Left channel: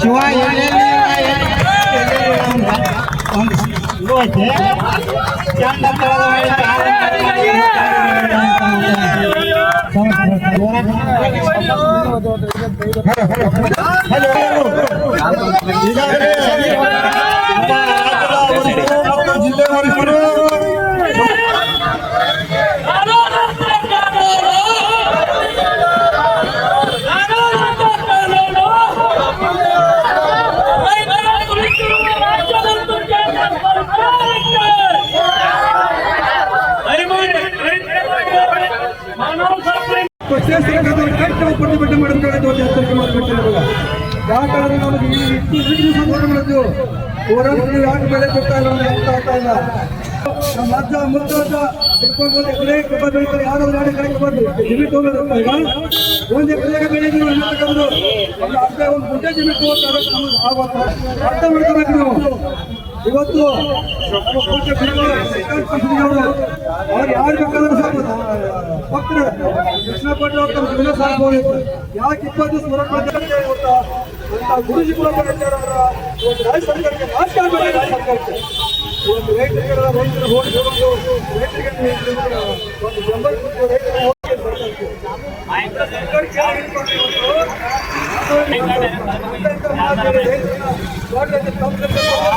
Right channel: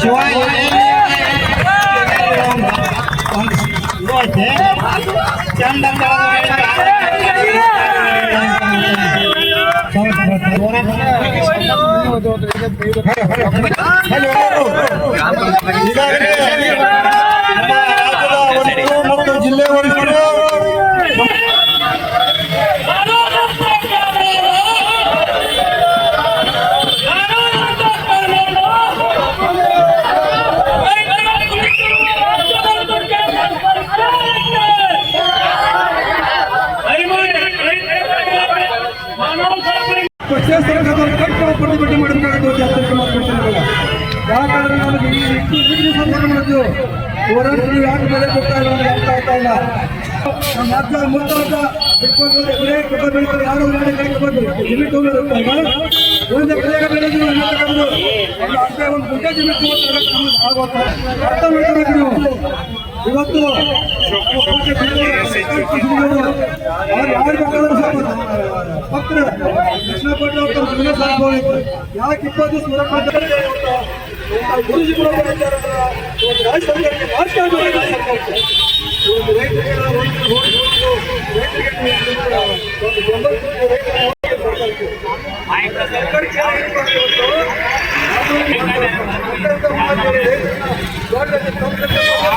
ಶಿವ ಒಂದು ಇದೆ ಚಂದ ಈಗಾಗಲೇ ಪಕ್ಷೇತರ ಕಟ್ಟಡ ಪ್ರತಿಭಟನೆ ಮಾಡಬೇಕಾಗಿರುವ ಯಾಕಂದ್ರೆ ನಮಗೆ ಈ ಇಷ್ಟು ಸಂದರ್ಭಗಳದ್ದು ಹೋರಾಟಗಳು ಯಾಕೆ ಬೆಲೆ ಕೊಡ್ತಾ ಇಲ್ಲ ನಮಗೆ ಅರ್ಥ ಆಗ್ತಾ ಇಲ್ಲ ನಮ್ಮ ಅಜ್ಜ ಮುತ್ತಾಟ ಇಟ್ಕೊಂಡು ಎಕರೆ ಕಬ್ಬ ಬೆಳಿತಾರೆ ಯಾರು ಎರಡು ಎಕರೆ ಕಬ್ಬು ಇಲ್ಲಿ ಒಂದು ಎಕರೆ ಬೆಳೆದು ಒಂದು ಅರ್ಧ ಒಂದು ಗುಂಟೆ ಅರ್ಥ ಮಾಡ್ಕೋಬೇಕು ನೀವು ಇವತ್ತು ನಮ್ಮ ಪೂಜೆ ಬಿದ್ದವರು, ಸರ್ಕಾರಿ ಬಿದ್ದವರು, ಅವ್ರು ಯಾರು ಬೇಕಾದ್ರೂ ಸಾಕು ಭಕ್ತರು ಕೃಷ್ಣ ಭಟ್ರು ಅಂತ ಒಂದು ದಿನ ಸಾಕ್ಬೋದು ಯಾಕೆ ಇಪ್ಪತ್ತು ದಿವಸ ಹೊರಗೆ ಗುರುಜಿಗಳು ಬಂದಿದ್ದಾರಲ್ಲ, ಒಂದು ರಾಜ್ಯ ಸರ್ಕಾರಕ್ಕೆ ಮಾತ್ರ ಬೇರೆ ರಾಜ್ಯ ಸರ್ಕಾರಕ್ಕೆ. ಒಂದು ರೈತರಿಗೆ ನಾವು ರೈತರು ಹೋಗಿ ಹೋಗೋದು, ರೈತರಿಗೆ ಒಂದು ಬೆಂಬಲ ರೈತರಿಗೆ ಹೋಗಿ ಸರ್ಕಾರಕ್ಕೆ.